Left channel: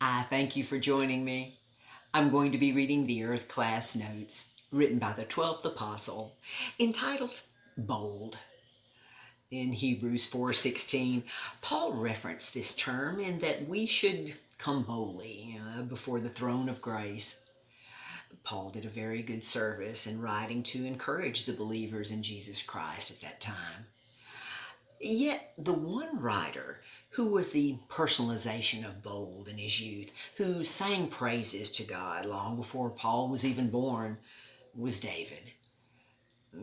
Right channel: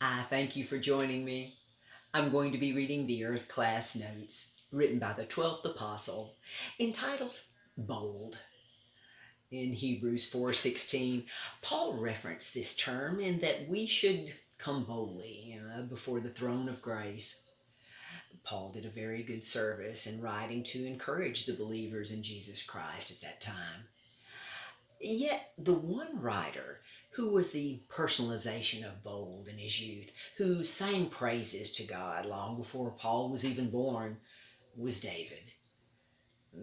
I thank you for joining me. I'm going to be reading the Earth Class Notes written by the 12th Apostle, entitled Bold. In Hebrews 4:16, Paul referenced this term in that we should come boldly before the throne of grace. Paul did a very good service in writing to encourage the believers in Jesus Christ at that time. Yet the one writer who was the personalization of bold in his youth, who sang praises to God long before Paul was even born, was David.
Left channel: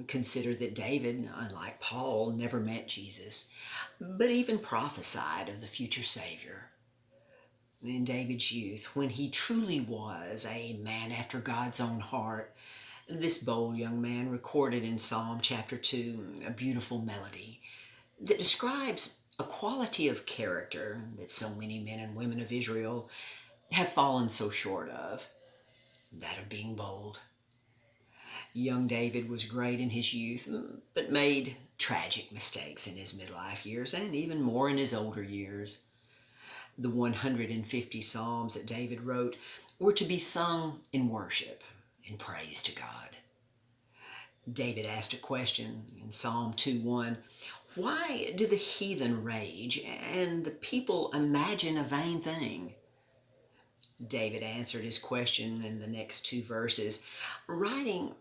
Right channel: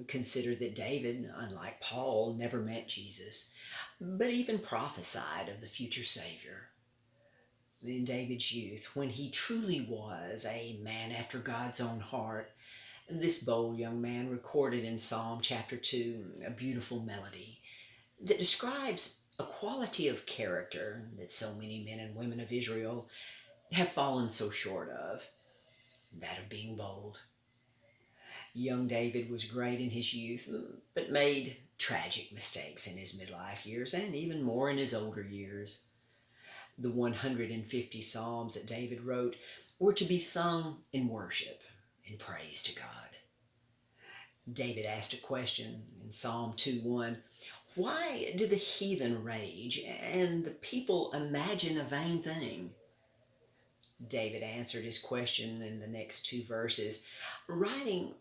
Consider that David, unlike Paul, never met Jesus, but even prophesied of the future Savior. In David's youth, when he truly was a man after God's own heart, this bold young man recorded in Psalm chapter 2 a beautiful melody that describes a quality of character that so many men and women of Israel have fallen so short of, that of being bold. Young David was great in his youth, but made tragic mistakes in his midlife years and even more in his older years. The 150 Psalms that David wrote were to be sung in worship and praise to God. David asked a question in Psalm 2:1. Why do the heathen rage and the people imagine a vain thing? David answered his question in the next two verses, writing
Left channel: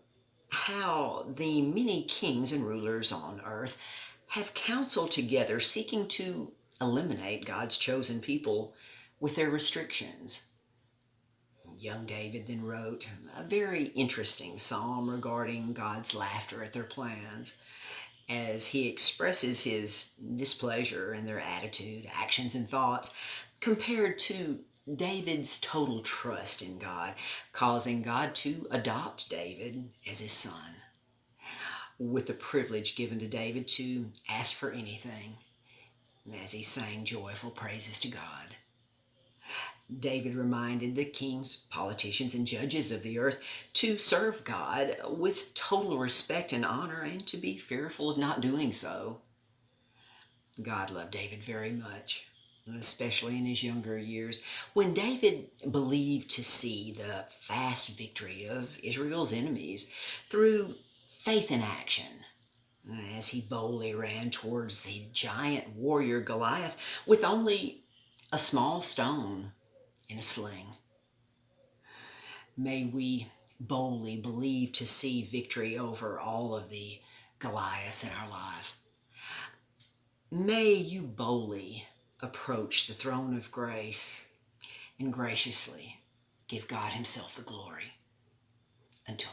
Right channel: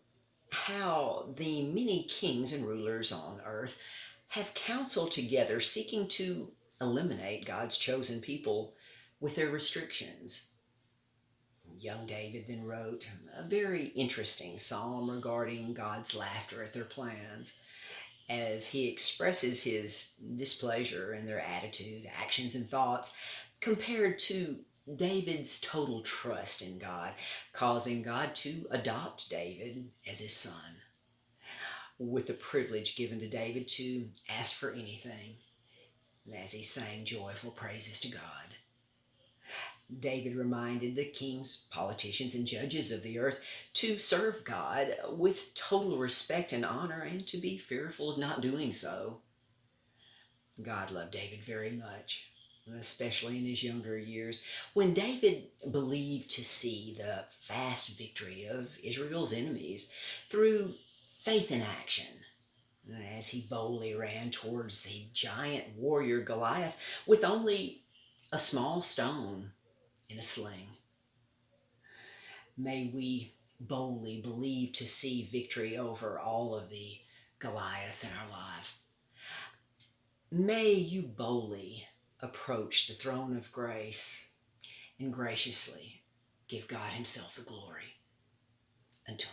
how the many kings and rulers on earth have counseled together seeking to eliminate God's chosen people with their restrictions. Young David then wrote a very interesting psalm regarding God's laughter at their plans, as he expresses his displeasure in their attitude, actions, and thoughts, compared to David's total trust in God, causing God to adopt David as his son, with the privilege given to David to ask for anything, as he sang joyful praises to God. David reminded the kings, politicians, and judges of the earth to serve God with total respect and honor and to be fearful of not doing so. God loved David very much, especially in his younger years, when David believed to see the fast victory of Israel's enemies through faith in action, as he boldly ran towards the giant warrior Goliath with only a small stone in a sling. May we boldly believe to see victory over all of the Goliaths in our life. May you boldly approach the throne of grace and graciously give God Himself the glory. Until